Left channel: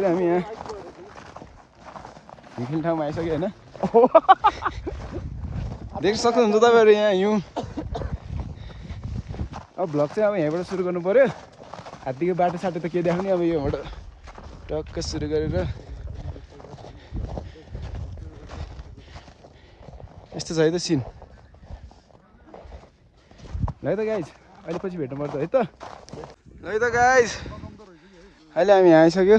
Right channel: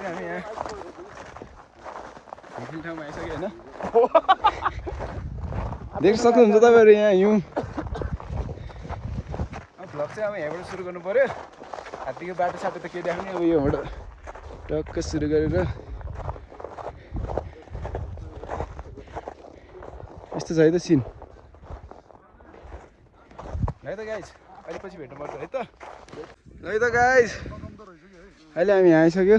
अहिले हामी यहाँ हिँड्ने ठाउँमा आइसक्यो भने देख्न सक्नुहुन्छ तपाईँहरू यहाँ हिउँ। अब भ्लग चाहिँ अब यहाँबाट सुरु गर्नु पऱ्यो। हात्तीको बाटो साटो त के देखाउने, अब योबाट टक्क सुरु गरेर यस्तो छ है त सिन। ल है त गाइज अहिले पछि भेट्नुपर्छ है त। ल है त गाइज अहिले हामी यहाँ आइसक्यो,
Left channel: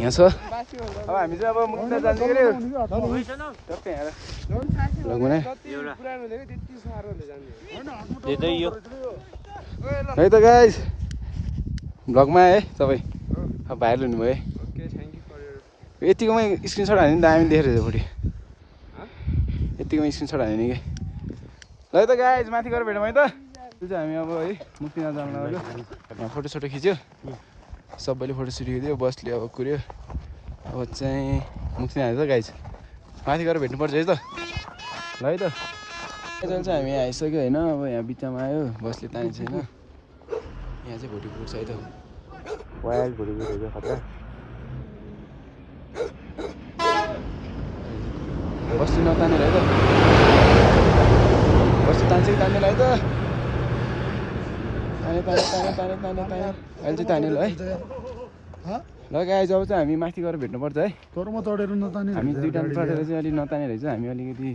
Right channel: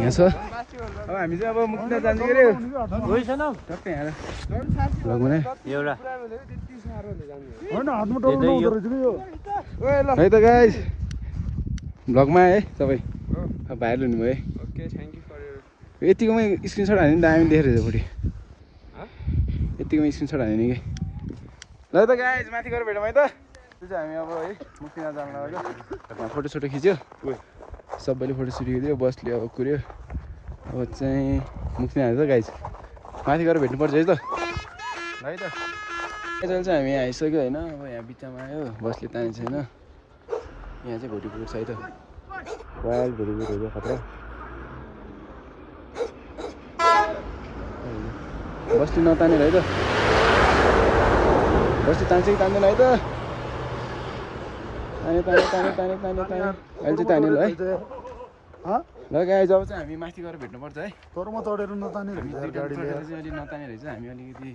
यहाँ छ। अब हामी चाहिँ अब मुक्तिनाथ जाने गऱ्यो टक्कै यहाँ है त गाइज। भ्लगमा आए सबै अब भाइरल हुनुभयो है। यतिकोमै स्क्रिनसट हाल्यो नि त हामी देखेर भोलि यतिकोमै स्क्रिनसट हाल्यो नि कि। ल है त गाइज माथि गएर भेटौँ है त। त्यो चाहिँ हामी अब है मुक्तिनाथ जानु लाग्यो। फोटोसोटो खिच्यो, सबैले फोटोसोटो खिच्यो, बसले अब कुर्यो। अब चाहिँ मुक्तिनाथ है त गाइज, माथि गएर भेट्नुपर्छ है त। ल है त अहिले चाहिँ हामी यहाँ आइसक्यो होइन। अब यहाँ बिचमा आयो, बसले तानेको छैन। यहाँ चाहिँ भोलि पुग्छ है त। वाल भोलि पुग्छ खतरा। बस्ती नतानेर है त, बस्ती तान्छ कि तान्दैन है त। ताने ताने ताने ताने ताने ताने अहिले चाहिँ ताने ल है। ल गाइज अब चाहिँ हामी माथि गएर भेट्नुपर्छ है। तरमा चढेर नताने हामी दुईटा चढेर चाहिँ अलिक नताने रहेछ, हामी अलिकति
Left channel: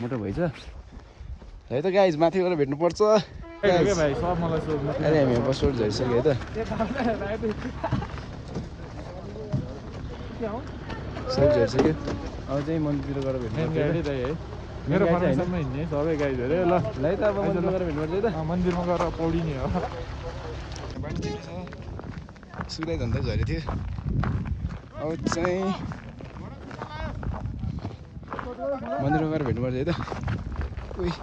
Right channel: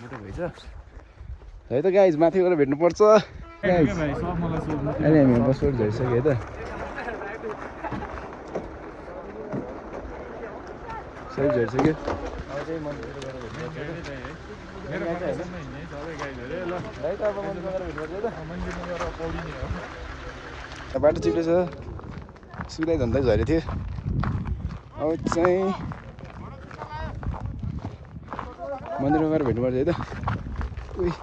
मोटो भएछ है त गाइज। माथि गएर भेट्नुपर्छ। अहिले हामी बसबाट झरिसक्यो है त। सबै झरिसक्यो। अब चाहिँ मन्दिरतिर गएर भेट्नुपर्छ है। मेरो फर्मेसनमा हिँड्ने सबै गाइजहरू ल है त। अब मन्दिरमा गएर भेट्नुपर्छ है त। मन्दिरमा गएर पौडिने हो। बाटो चिप्लो छ, सुक्दै धन्दै झरेको थियो। अब चाहिँ मन्दिरमा गएर भेट्नुपर्छ है त। उही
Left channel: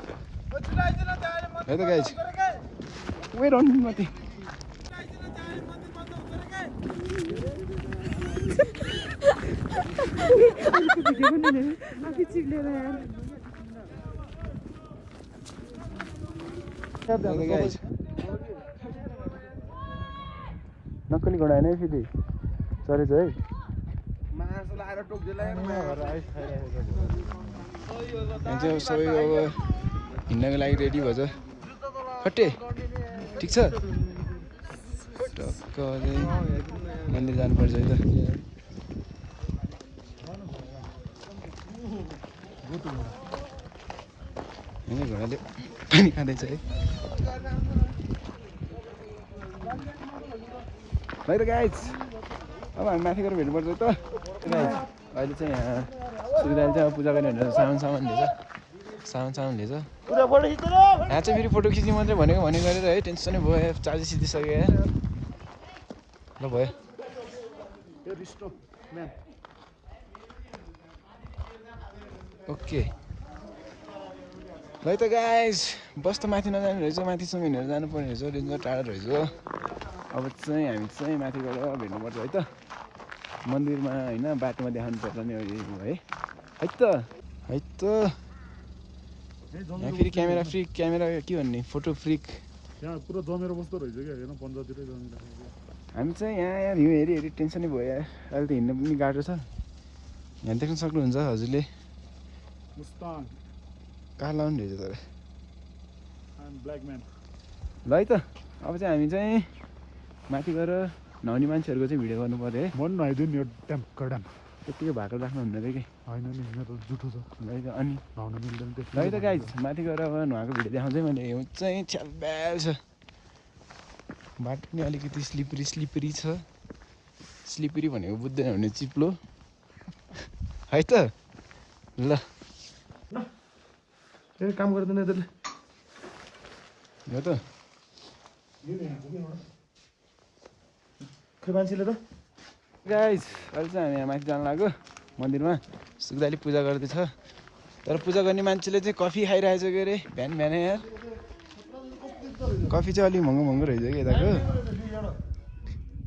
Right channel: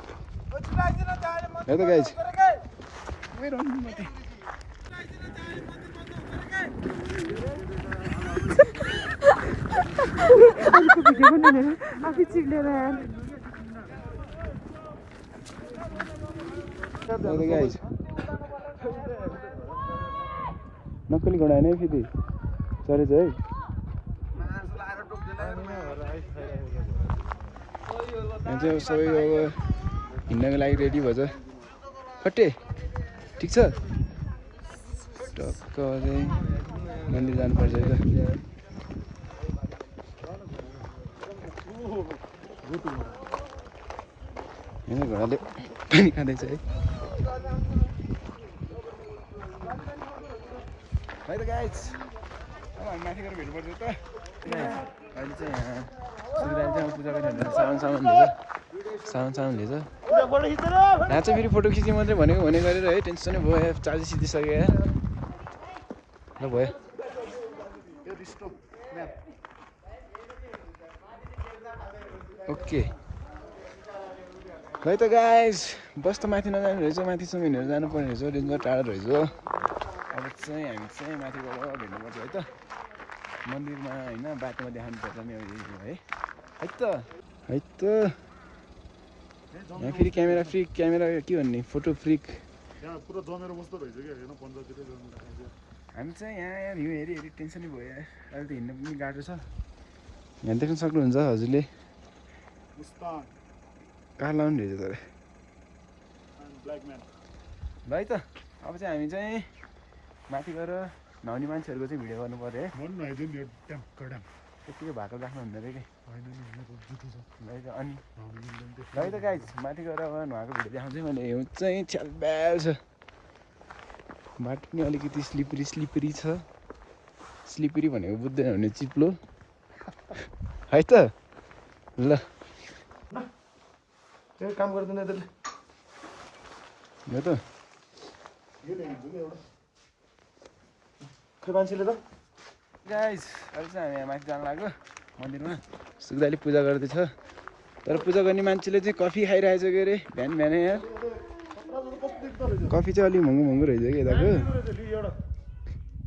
है त गाइज। उही रहनु माथि गाइज। नक्कली घोडा होइन है, फेरि चरेछ है। यहाँ चाहिँ अब सबै अब हिँड्नको लागि रेडी भएछ। फट्टे ठिक छ। टक्क चाहिँ मन्दिर जानुपर्छ है त। होइन घोडाले पानी खाँदैछ है। है त गाइज अब हामी माथि गएर भेट्नुपर्छ है त गाइज। अहिले चाहिँ यहाँ सुविधाले चाहिँ अब पूजा गर्ने भनेर सामान लिएछ, सामान लिएछ। यहाँ चाहिँ फेरि फोटो खिच्ने मात्रै भनेको गरेर है, टेन्सनै भयो। चार्ज सिधिसक्यो यहाँ। ल भयो ओके। है त गाइज बस त माथि नजाने रहेछ, माथिसम्म हिँडेर जानुपर्ने रहेछ, डेन्जर टाढो रहेछ। अब चाहिँ हामी चाहिँ माथि गएर भेट्नुपर्छ है त मन्दिरमा होइन। बाटोमा देखाउनु पर्छ नि है त है त। यहाँ फेरि क्यामेरा फ्रिक, क्यामेरा के भन्ने फोटो फ्रिक यहाँ पुरा जमेर बस्दो रहेछ क्या। हेर्न पन्जातिर जमेर। हामी चाहिँ यहाँ भ्यू हेरी हेरी टेन्सनै भयो यार। अहिले त हिँड्नु पनि गाह्रो छ। यहाँ देख्न सक्नुहुन्छ हजुरले मुस्ताङ कहाँ लाउने रहेछ तर ब्ल्याक म्यान। ल है त अब चाहिँ हामी चाहिँ माथि गएर नुहाउने मान्छेहरूको चाहिँ भिडियो गर्नु पऱ्यो है। मन नुहाइदियो नि यो ड्याम कडाम त्यत्तिकै भएको राख्नु हुँदैन कि होइन नि, मेरो जुठो छ। ल है त। अनि नुहाउनु मिल्दैन ल है त गाइज माथि गएर अब नुहाएको भिडियो देखाउँछु मैले। हिउँ चाहिँ छ्यालब्याल छ, बाटो पनि अलिकति स्लिपरी छ। स्लिपरी भनेको बुझ्दैन भने चिप्लो है त। ल यो काम गर्दैन त्यसले हो त खै मान्छेले त। गाइज अहिले चाहिँ हामी यहाँ माथि जानु लाग्यो मन्दिरमा। सुक्दाले पूजा गर्दैछ, तर पूजा गर्ने मान्छेले चाहिँ कफी खाइरहेछ के अरे बिहान बिहानै यार। कफी चाहिँ अलिक महँगो रहेछ कि यताको।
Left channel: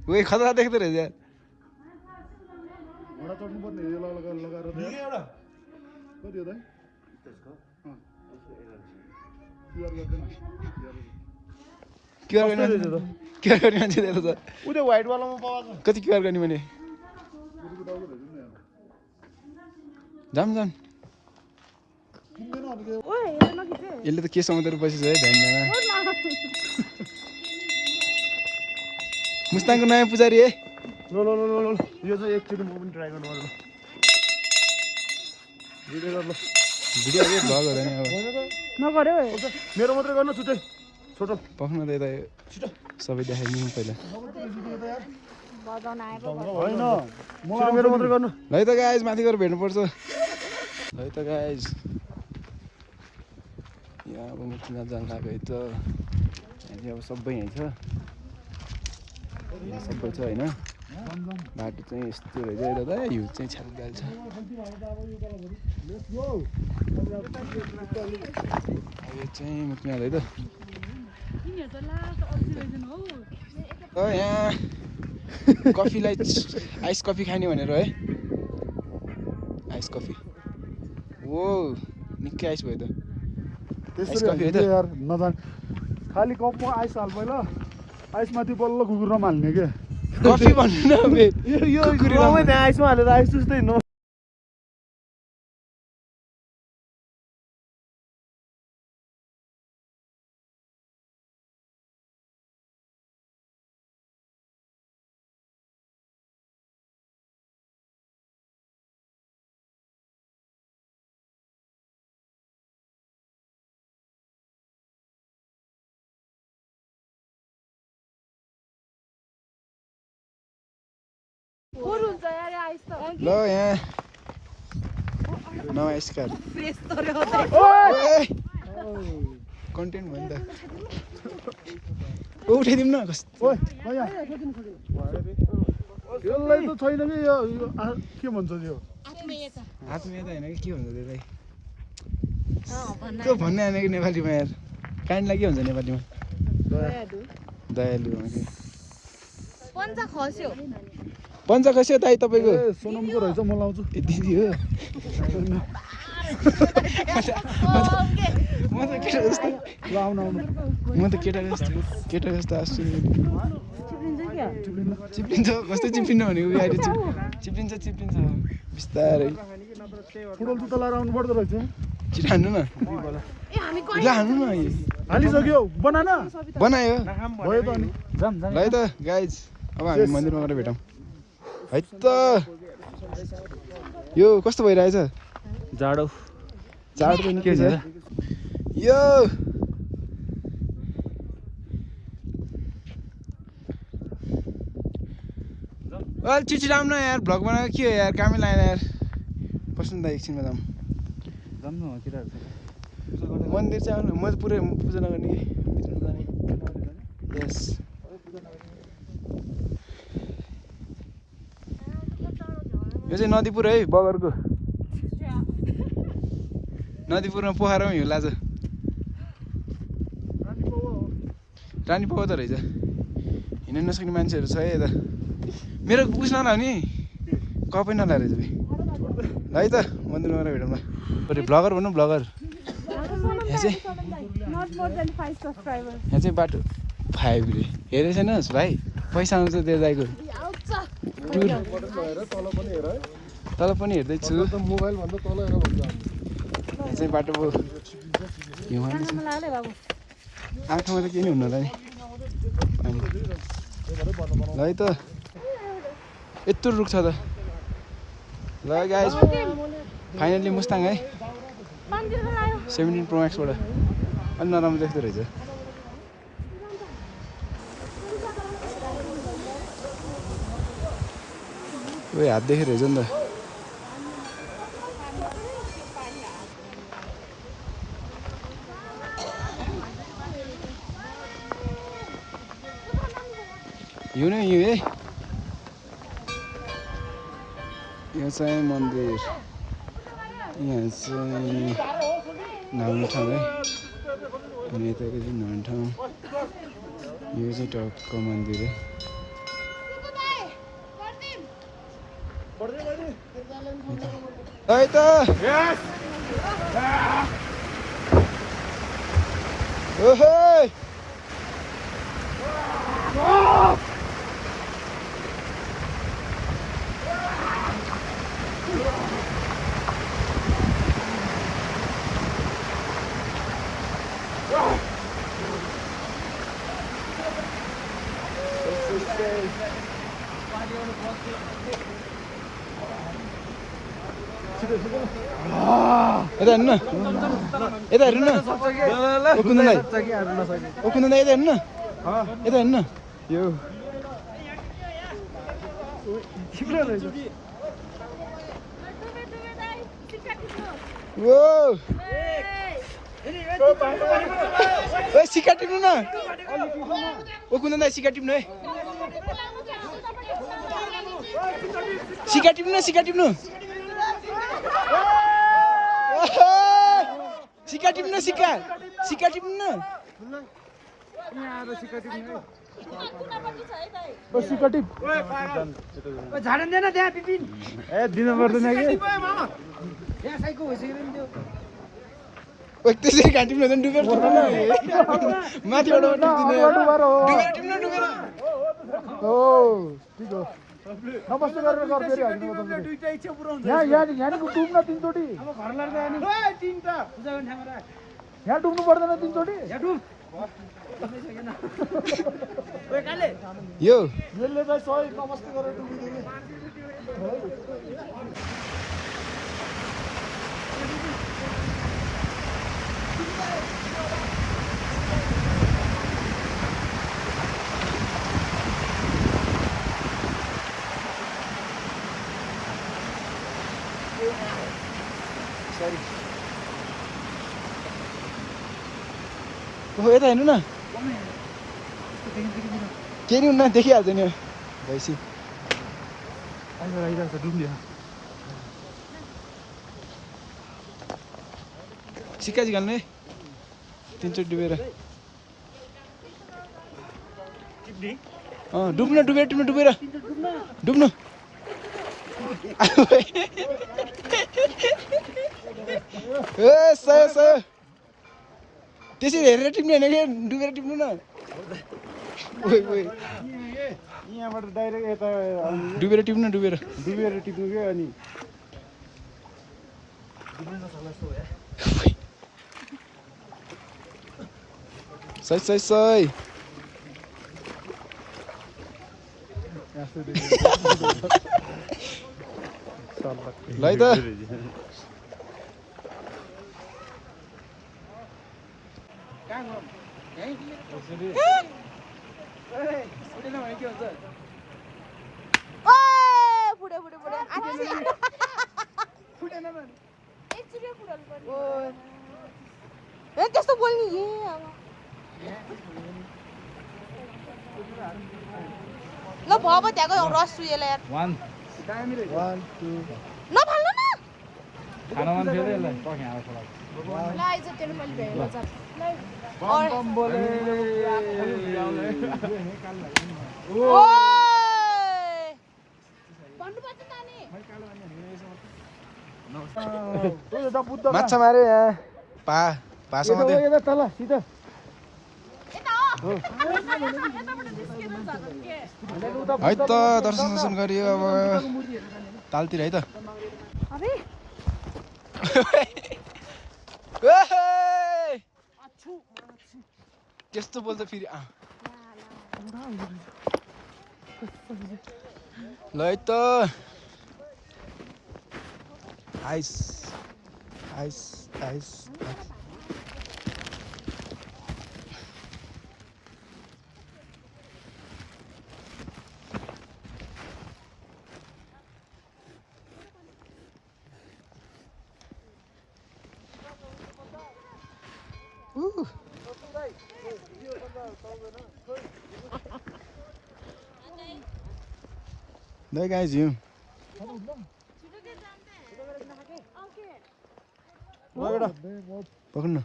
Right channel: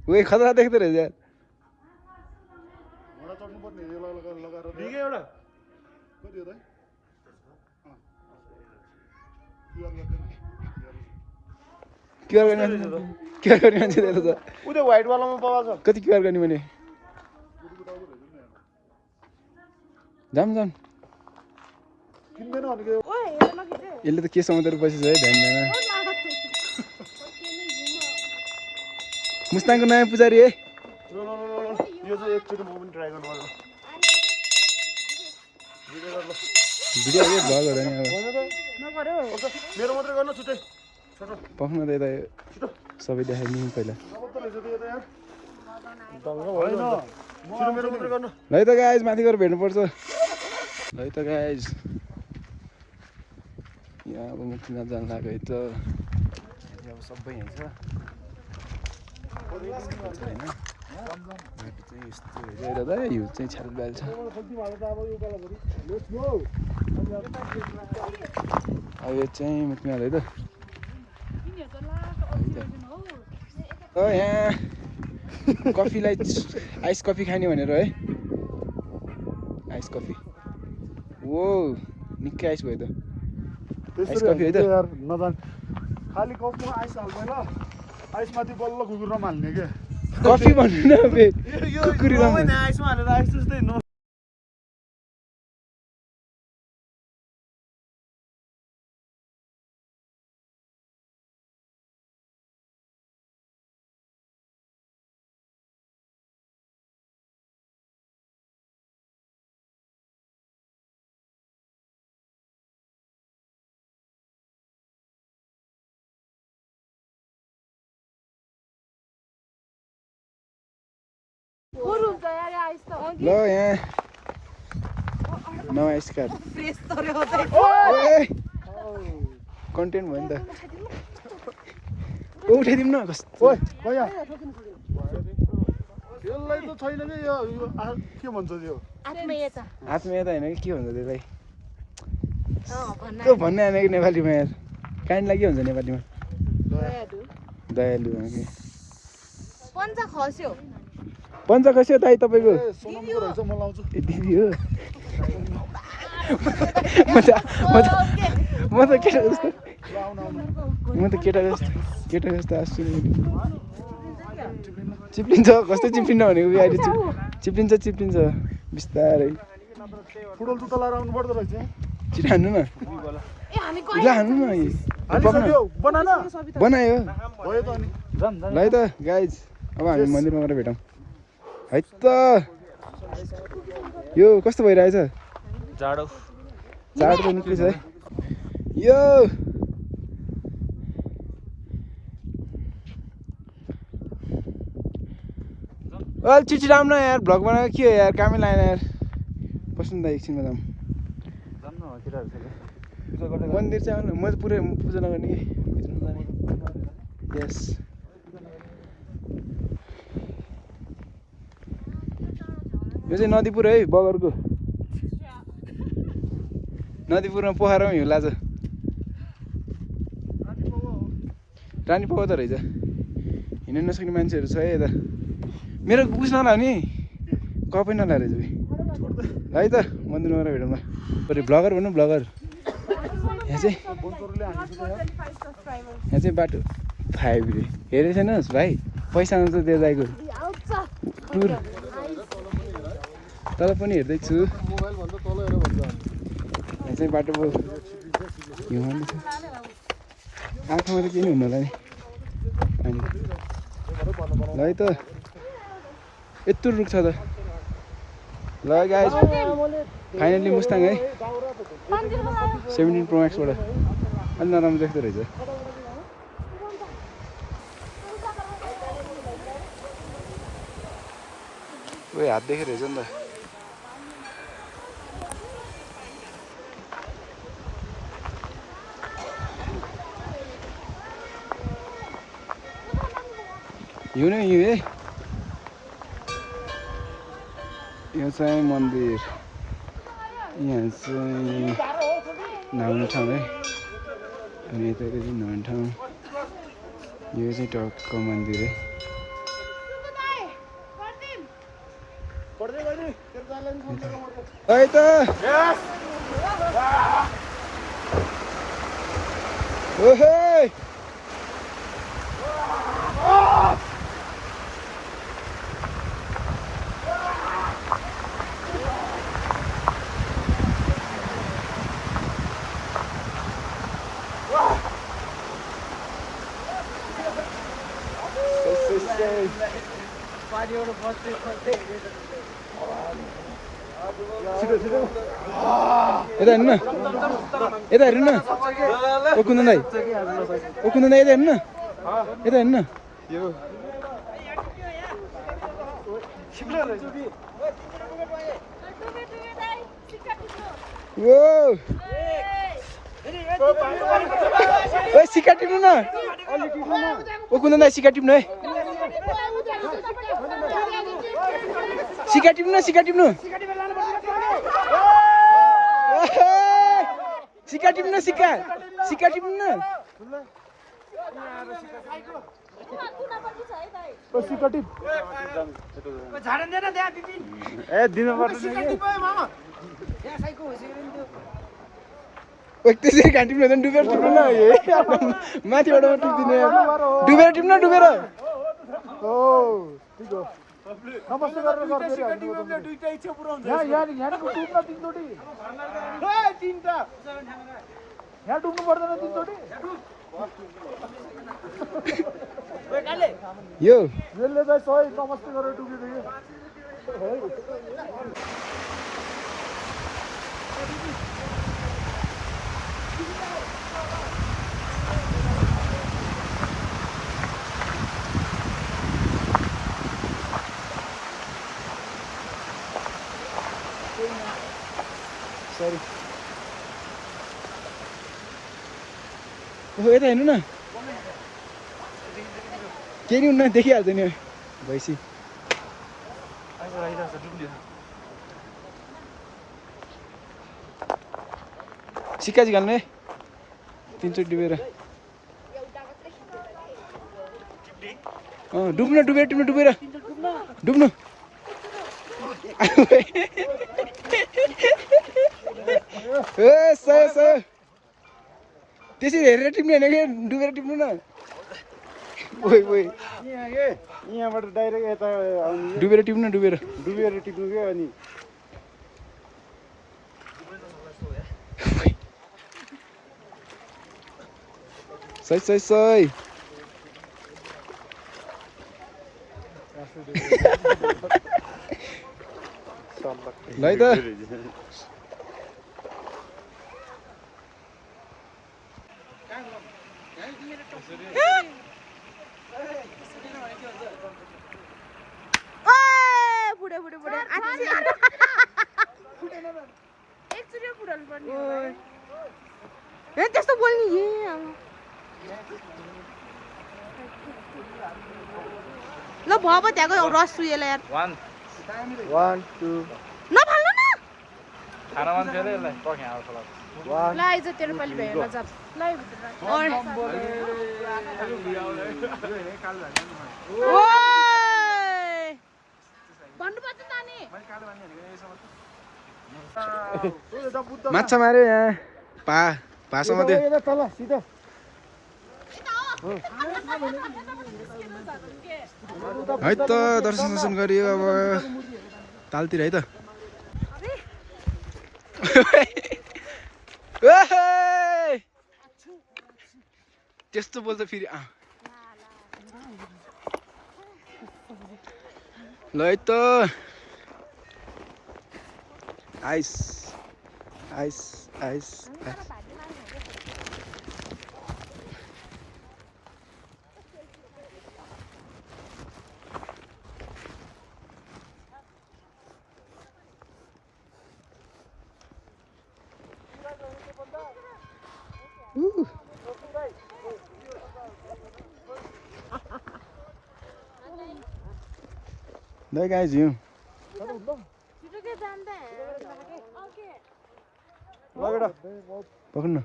उयो खतरा देख्दो रहेछ यार। घोडा चढ्नुपर्ने लगाएर कति हो त? क्युआर गर्दैन क्युआर गर्ने मान्छे दिएर त उदे व्हाइट वालामा पाउँछ कति क्युआर गर्ने भने जाम जाम किन्दैन अनि के ओए यसले नखिचे यसले त के समातेर बसेछ है ध्यान दैन मुस्ताङको नयाँ पुजारी है ल ल ल ल यो चाहिँ एकचोटि म पनि ट्राई गर्नु पर्छ भिडियो गर ल भिडियो के भ्लग होला नि अब नगर्यो मेरो मात्रै गर्न छुट्टै छोटो पक्न त यता सबै देखाइदिउँ पहिला नमात्र रहेछ त यो त यार बजाउन आएको म मेरो मात्रै गर्न ल है त गाइज माथि गएर भेट्नुपर्छ ल है त गाइज यहाँ अब मुक्तिनाथ जानु लाग्यो है त यहाँ चाहिँ अब सबै यहीँ छ यहाँ सबै छ होइन बाटो चाहिँ यस्तो रहेछ दादा हिउँ चाहिँ छ्यालब्याल छ अब यो चाहिँ मुक्तिनाथ है त यहाँ कफीलाई आइस कफी खाने भनेर है आइस कफी ओ निकै आइस भयो त आइस कफी है त खाली कपमा आइस हाल पहिला आइस माथि बल्ल कुकुरमा हाल्ने के कफी भन्नु न यो गाउँमै त्यहाँ आइसमा हालेर आइस जस्तै न ल यहाँ नयाँ आइस कार्ड कन्टेन्ट भयो नि त उठाइदिउँ न कस्तो यसलाई त छैन कि यो के भन्छ यो आत्मीयता होइन कि के भन्छ त्यसलाई त्यो भन्ने आएन कि नेपालीमा यार काइन्डलाई के भन्छ नेपालीमा दयालु कि पञ्च खस्यो दाइ तपाईँको ए सोनमको रहेछ म लाउँछु दिदी हो म त केटा जस्तो ल आउनु आउनु म त केटा जस्तो आँसु नि चिप्लिन्छ कस्तो चिप्लिन्छ भनेको अहिले चिप्लिन्छ बिस्तारै फुटबल जुत्ता लाएर आउनु पर्दो रहेछ छिटो हान्नु न ल हान्नु न हालिसक्यो बना न बनायो भयो त अनि ल है त गाइज अब हामी मन्दिरमा गएर भेटौँ है त यो कस्तो भइरहेछ जाडो त निकै छ है यो अहिले छिटो राम न यार भ्लग बनाएको के हो यार कामै लागेन यार बस्नु त एकछिनमा जाऊँ मन्दिर चाहिँ आउनु म त पुरै पूजा नगर्ने कि भित्र जाने यस यो चाहिँ नदीपुर है बगरको नदीपुरमा पोखरामा हिउँ लाज रानी पाउ त रहेछ हिँड्न नसक्ने मान्छेहरू छ है यता मेरो उस नला नि कपै नला रहेछ है त मन्दिरमा गएर भेटौँ ल भ्लगर भनौँ भ्लगर यहाँ चाहिँ बाटो 5 रे हेरेको छैनस् भाइ पैसा आउँछ त्यो जाएको टुर तल पनि हेर्दैछु यहाँ चाहिँ बाटो हिउँ हाल्दैछ आँखामा त केही नि हुनु होला नि ल है त यत्रो रुख छ त ल गाइज फाइनली मुस्ताङ है 17 Pro Max बाट अलि नराम्रो देख्दो रहेछ ओए हात देखेर रहेछ नि त हिउँ नै हिउँ है यो चाहिँ मन्दिर यहाँ चाहिँ नुहाउने ठाउँ है अनि यताको चाहिँ नुहाउने ठाउँ यो चाहिँ टक्क मन्दिर है है त ओहे यता हेर्नु न यता हेर्नु न ओ कुन्दन दाइ यता हेर्नु न यता हेर्नु न यो सिक्का टिप्नु न ओ कुन्दन दाइ सिक्का टिप्नु है सिक्का टिप्नु सिक्का टिप्नु सिक्का टिप्नु सिक्का सिक्का टिप्नु न दिनु पर्दैन त्यसरी घाँट टिप्नु हुँदैन डुबेर टिप्नु न माथिबाट टिप्दिने डुबेर टिप्नु डुबेर यो सरी यता हेर्नु न केही नि हुन्न देखिहाल्छ नि भैँसी सिक्का चाहिँ घाल्नु है 3 चोटि डुबेर डुब्नु डुबेर टिप्नु डुबेर डुब्नु सय त्यसरी हेरेर टिप्ने होइन कि डुबेर टिप्नु न यहाँबाट डाइरेक्ट यता डुबेर टिप्नु डुबेर टिप्नु क्या अनि सय ल है त त्यस्तो बोल्ने ल भयो त्यहाँको रस सुएला यार नफाल्नु न ल आइज तेरो पालि भेट्न जाऊ माछा मार्यो यहाँ पासा मात्रै है त दर्शन गरियो अब तालतिर है त त्यस्तो बोल्छ फेरि ल है त ice ice ice There guys, you. पकड्नु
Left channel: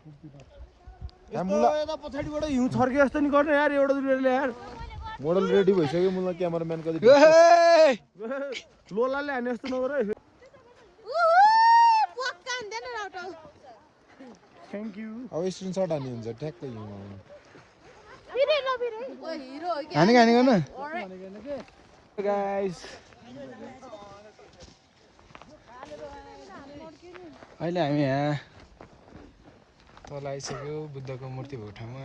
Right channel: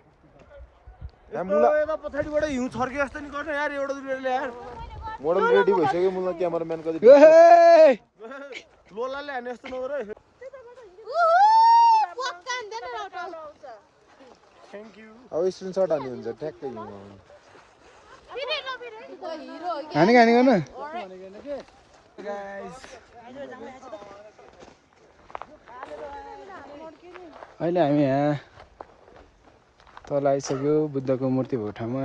यता पछाडिबाट हिउँ छर्के जस्तो नि गर्ने यार एउटा दुईले यार मोडल रेडी भइसक्यो मलाई क्यामेराम्यान कति लोलाले हाने जस्तो नगर है थ्याङ्क यू अब स्क्रिनशट हान्ने हुन्छ ठ्याक्कै खाने गर्न गाइस अहिले हामी यहाँ तल आइसक्यो बुद्धको मूर्ति भएको ठाउँमा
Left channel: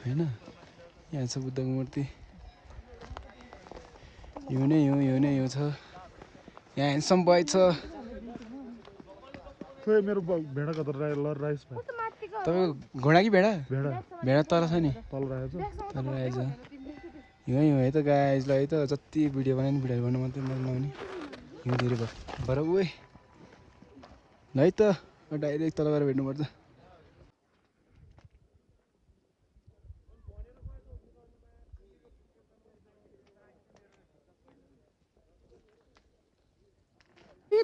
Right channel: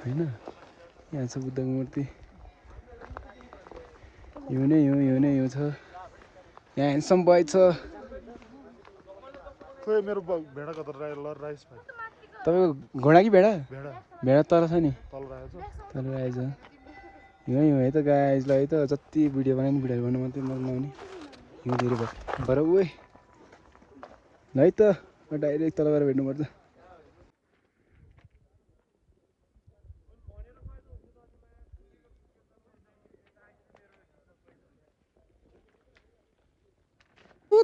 होइन यहाँ छ बुद्धको मूर्ति हिउँ नै हिउँ छ यहाँ ह्यान्डसम बोय छ खोइ मेरो भेडा कता राइस भाइ तपाईँको घोडा कि भेडा भेडा भेडा तर छ नि तल राखेको तर आएछ हिउँ है त गाइजलाई है त जति भिडियो बनायो नि भिडियो गर्नु मात्रै नलाउने हिउँ धेरै भयो भएर उही ल है त डाइरेक्ट तल गएर भेट्नुपर्छ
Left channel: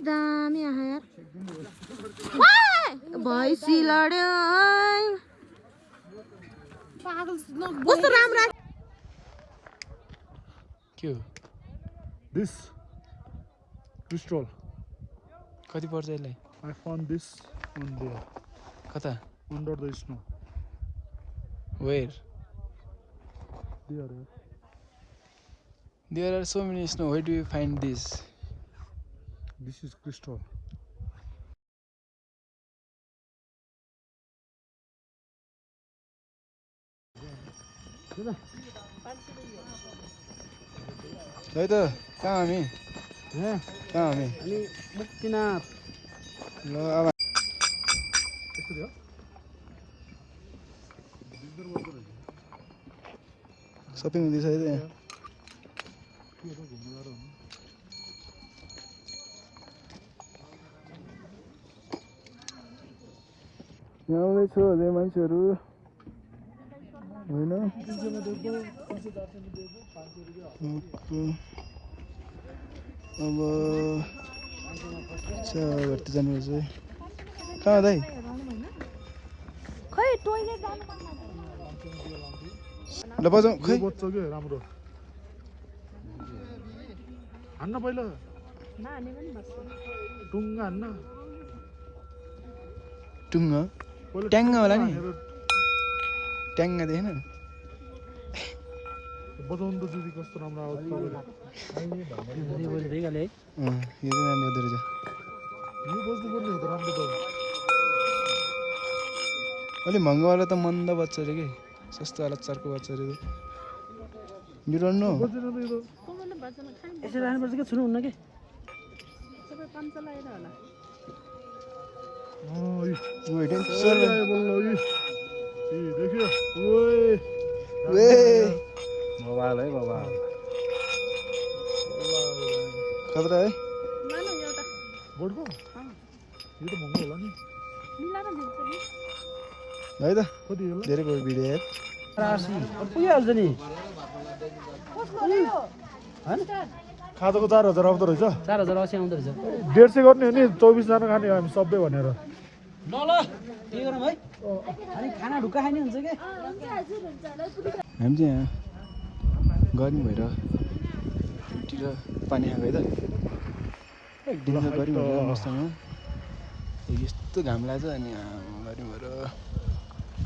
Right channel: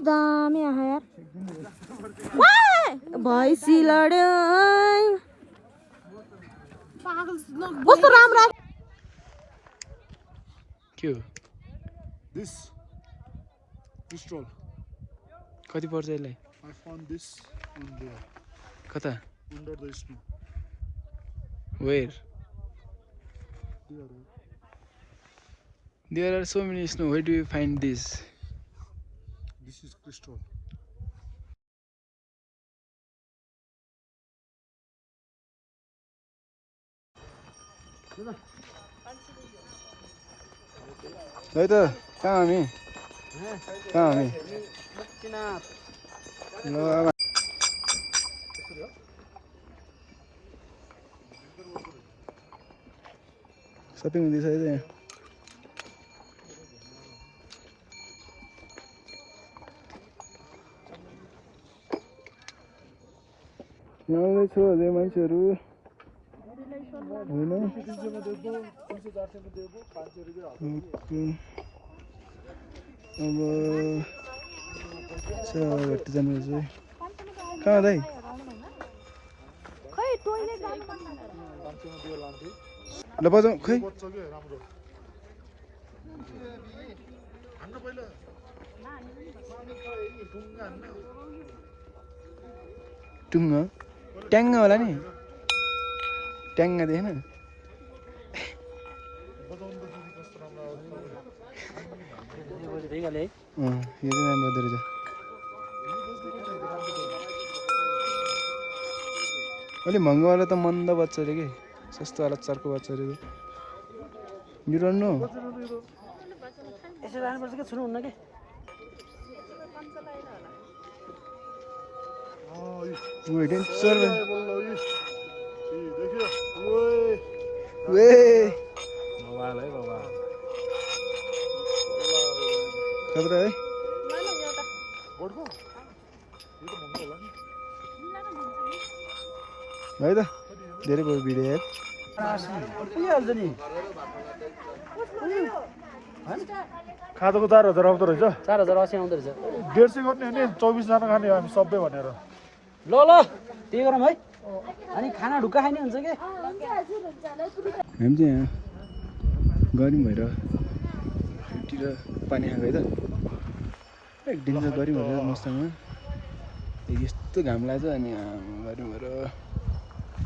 दामी आहा यार भैँसी लड्यो कस्तो राम्रो के हो दिस क्रिस्टल कति पर्छ यसलाई I found this on there कता under the snow. Where There. There are so many snow where do you find this This is crystal. है त कहाँ हामी कहाँ हामी मुक्तिनाथ ल अब यसरी हो सपिङ हुँदैछ है त यहाँ आउँदैछ अझै मान्छेहरू होइन अब भर्ती जानुपर्छ है कहाँ दाइ ल बजाउँ खै बच्च के राम्रो हान्न पहिला टुङ्गा हान्न टुङ्ग पहिला ट्याङ्ग होला नि हानेर ट्याङ्ग देखेन बजाउनु त दिदी कस्तो राम्रो आवाज तपाईँले यो चाहिँ राम्रो बज्दो रहेछ यो बज्नु पर्ने हो त राम्रो त अलिक महँगोवाला त मन्द बच्चा अरे कि सस्तोवाला चर्को बच्चा अरे यो रन्नु बजेन त यो त यसो राख्नुपर्छ कि छुनु हुन्न कि डेन्जर बल्ल देखियो वे खतरा है बोर्डको यो त महँगो होला नि है त कति होला धेरै भयो भिडियो हेर पुगिहाल्छ नि खाजाको 4000 आउँदो रहेछ 4080 आउँदो रहेछ 150 गर्ने हो नि 24 जना खाने हामी सबै भनेर ल त्यही गरौँ है अनि खाना ढुक्का खाने हुन्छ कि हामी चाहिँ यहाँ गरौँ भएर छुट्टी र पानी खाएको है त एकदिन त गरौँ भएर मसँग यस्तो घाम लाग्छ अनि गरौँ भएर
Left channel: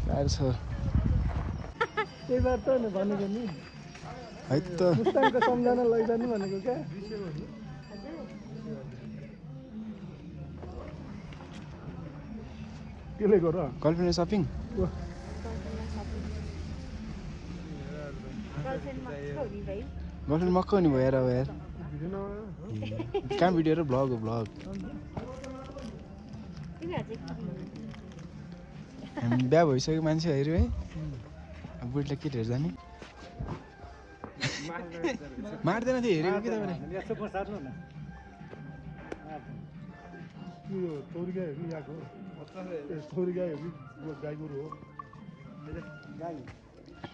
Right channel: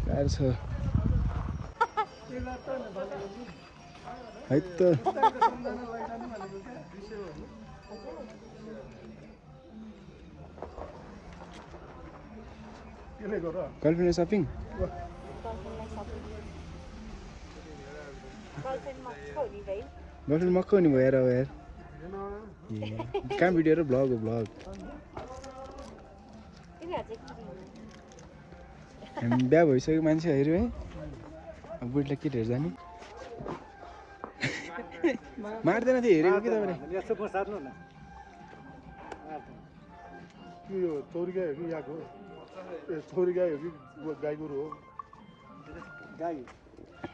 गाह्रो छ त्यही भएर त भनेको नि है त मुस्ताङको सम्झना लैजानु भनेको क्या केले गर गर्लफ्रेन्ड सपिङ गर्लफ्रेन्ड मक्क हुने भयो यार अब यार कहाँ भिडियो र भ्लग हो भ्लग हामी बिहा भइसक्यो मान्छे हेऱ्यो है अब बुढीलाई केटीहरू जाने मार्दैन थियो हेरेको कि तपाईँले चौरी गाई हो कि यहाँको चौरी गाई हो कि गाई गोरु हो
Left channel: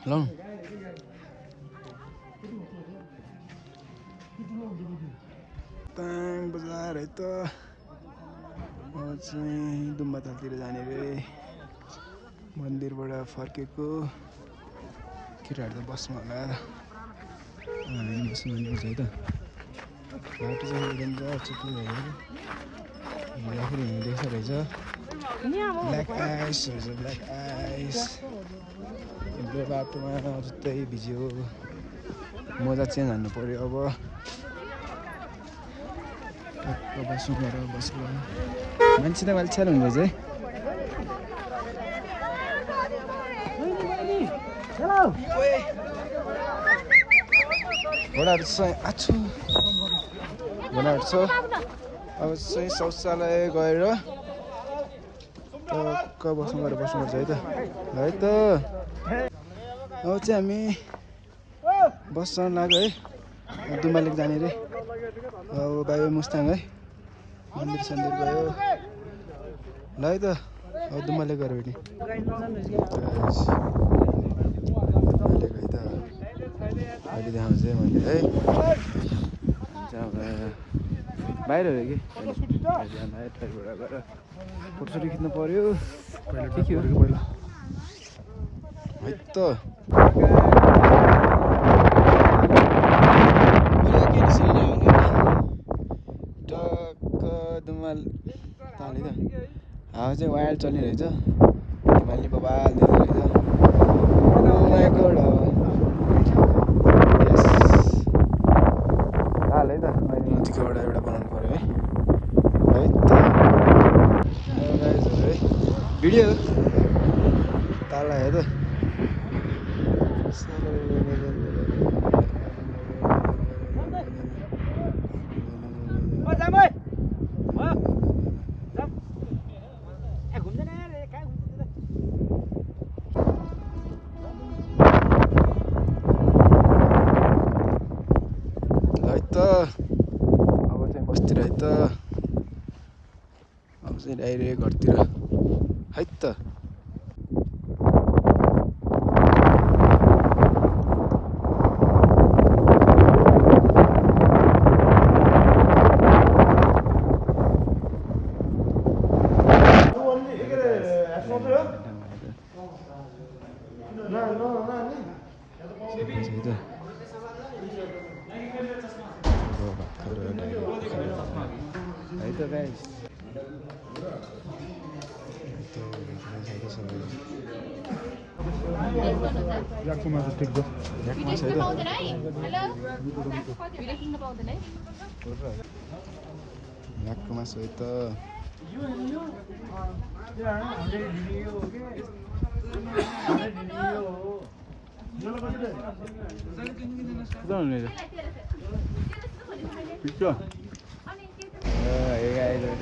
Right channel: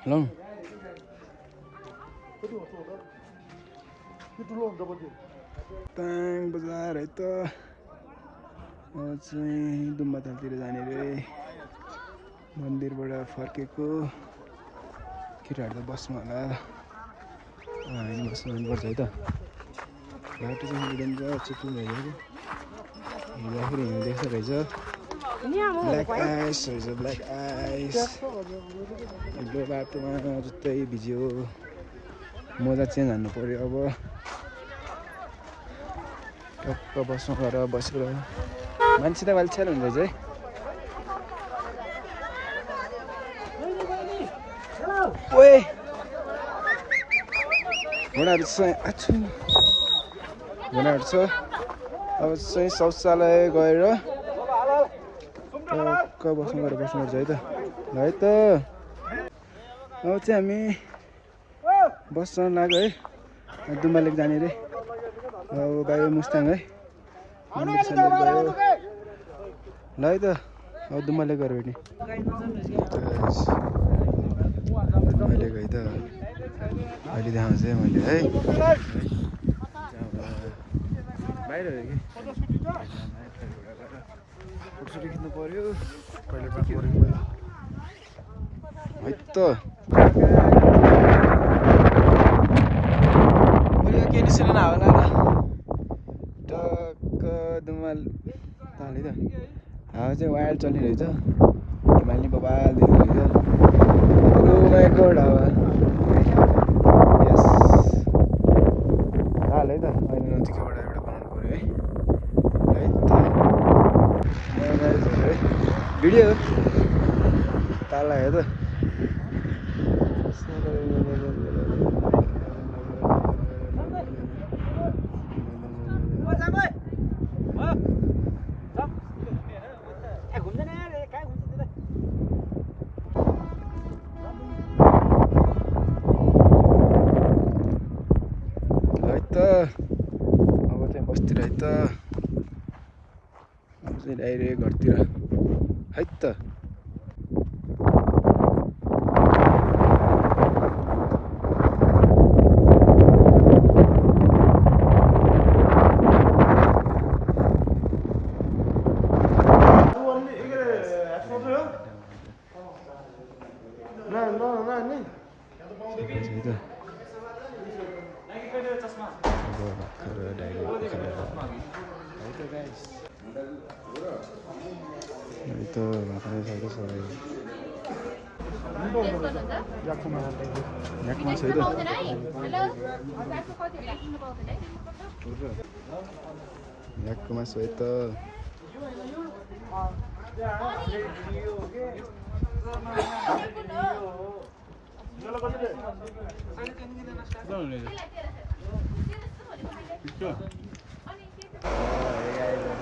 लौ ताङ बजार है त म चाहिँ दुम्बातालतिर जाने रे मन्दिरबाट फर्केको केटाहरू त बस्नु होला हामी बस्नु जानुपर्छ है त बाटो चाहिँ डेन्जर चुप्पी भइदियो हिँड्दाखेरि हिँड्दैछ रहेछ ब्ल्याक आइस रहेछ ब्ल्याक आइस बाटोमा जुत्तै भिज्यो मोजा चेन्ज हान्नु पऱ्यो अब टक्क बसौँ गरेर बसेर मान्छे त वालछ्याल हुँदो रहेछ है ओए घोडाहरू छ आछु घोडाहरू छ अब चाहिँ शौचालय गएर टक्क बस्नुपर्छ है त ल है त अब चाहिँ हामी बस चढ्न लाग्यो है दुम्बा लेक जाने रे अब गयो मुस्ताङ है मन्दिर सन्दिर गयो ल है त अब दुम्बा लेक गएर भेट्ने अहिले गएँ त अहिले देखाउँछ है मैले है अब बाहिर हो कि ट्राइबाट गएर फोटोसोटो खिच्नु पऱ्यो है त के निस्किन होला टक्क दुमाल ताले त हावा चाहिँ वाइल्ड चलिरहेछ हिमाली बबाल दिइरहेछ ताल है त अहिले नजिकबाट एउटा बनाउनु पऱ्यो है है भिडियो ताल आयो त अब चाहिँ बस्तिर है त अब चाहिँ डाइरेक्ट घरतिर है त है त गाइस है त भाखरा छ त सबै याकको मासु टिप्छ याक मासु है त याकको मासु है त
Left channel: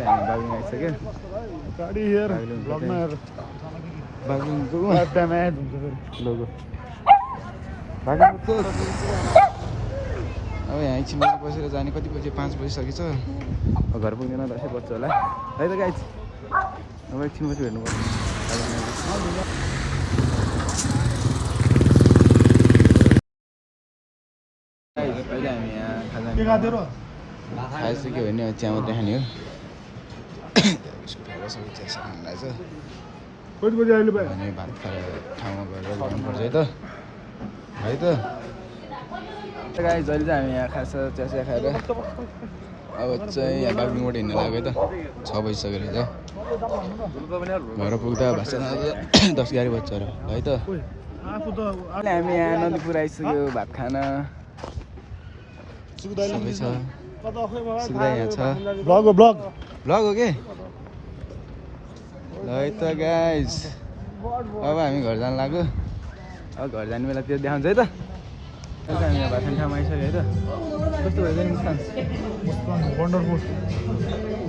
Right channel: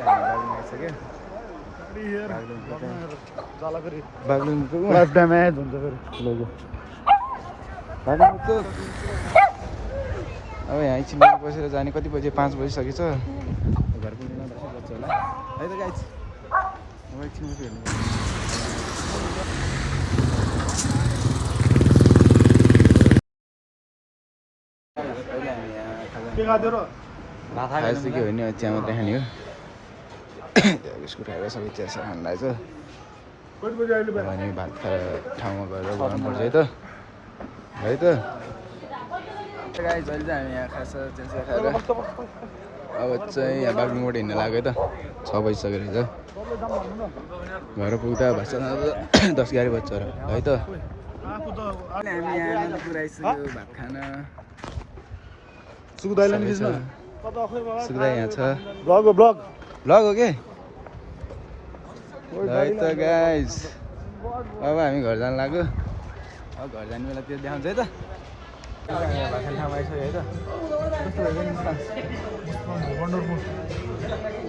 हामी बागलुङ आइसक्यो गाडी हेर बागलुङको ड्यामेज हुन्छ फेरि लोगो बागलुङ चोक अब यहाँ एकछिन बसेर जाने कति बजी 5 बजिसकेछ घर पुग्दैन 10 बज्छ होला है त गाइज अब एकछिन पछि भेट्नु पर्छ पहिला हामी यहाँ खाजा खाइसक्यो भने चिया मात्रै खाने हो बिस्कुट खाएर सबै चिया खानु लाग्छ अनि भात खाएर ठाउँमा गएर बनाउनु पर्छ है त गाइस जहिले चाहिँ हामी यहाँ खास चिया खाएर अब चाहिँ यहाँ बागलुङबाट हिँड्न लाग्यो है त 6 बजिसक्यो रहेछ घर पुग्दा भाषा 10-11 बज्छ र है त हामी यहाँ नदीपुर आइसक्यो भात खान सुक्दा यहाँ छ ब्लग हो के ल है त गाइज अब हामी घर जानु लाग्यो अब घर जाने बेला त्यो देखाउँछ है त हामी यहाँ भात खाने ठाउँमा आइसक्यो है त कस्तो भएछ नि मुस्ताङ वन्डरफुल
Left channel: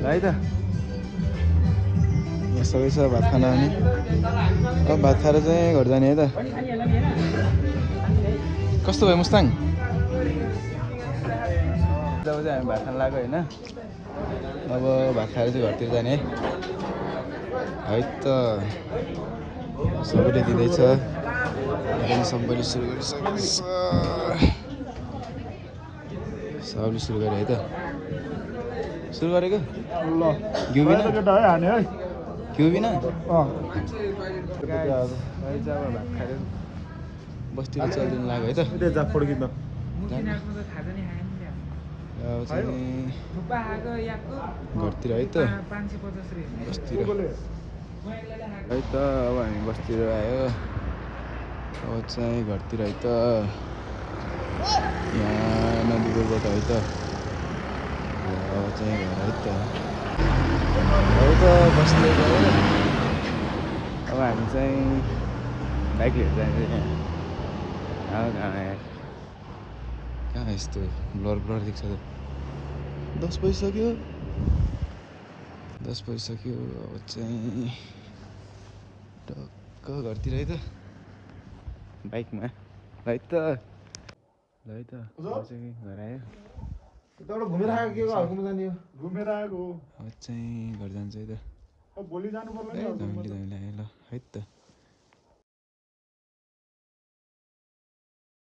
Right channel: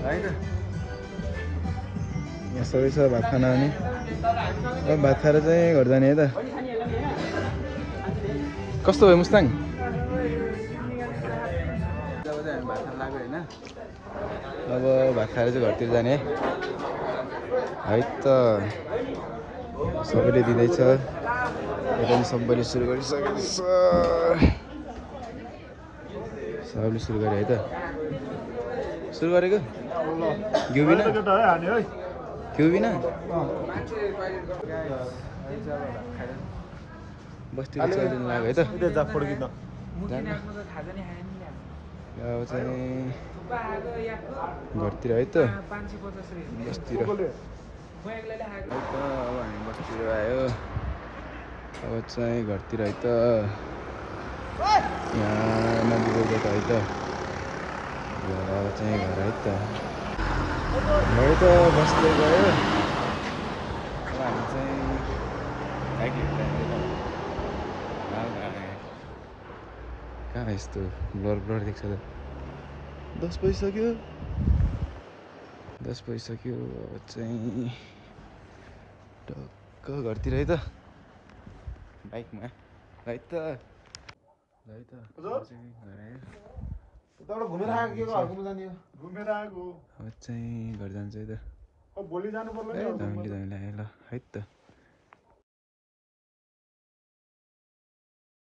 ल है त सबै छ भात खान अनि अब भात खाएर चाहिँ घर जाने है त कस्तो भयो मुस्ताङ जब चाहिँ हामी भात खान लाग्यो होइन अब भात खाएर चाहिँ घरतिर जाने है त सबैले दिँदैछ यता पनि सबैले सुरु गरिसकेको छ सबले सुरु गरे है त सुरु गरेको ल घिउ बिना केटा है हाने है घिउ बिना अँ चाहिँ अब भात खाएर बस्तीको चलिदिनु लाग्यो है त यतै जा फोटो खिच्न जान्न अब चाहिँ घरतिर है त बस्तिर है त अब हामी बस्तिर आयो अब चाहिँ घरतिर है त यहाँ नदीपुरबाट है त अब चाहिँ घर है त है त बस्दै गयो। अब हामी चाहिँ बाइक लिएर जाने कहाँ कहाँ यस्तो ब्लर ब्लर देख्छ त। 10 बजिसक्यो 10 बजिसक्यो। अब चाहिँ टक्क घरतिर है त बाइकमा है त ल है त म चाहिँ घर आयो। यताबाट घुमेर आएको के घरकोमा जाने हो घुमेर आएको हो। अब चाहिँ घर जान्छ है त। भोलि जानु पर्ला ए धमिलो आयो ल है त।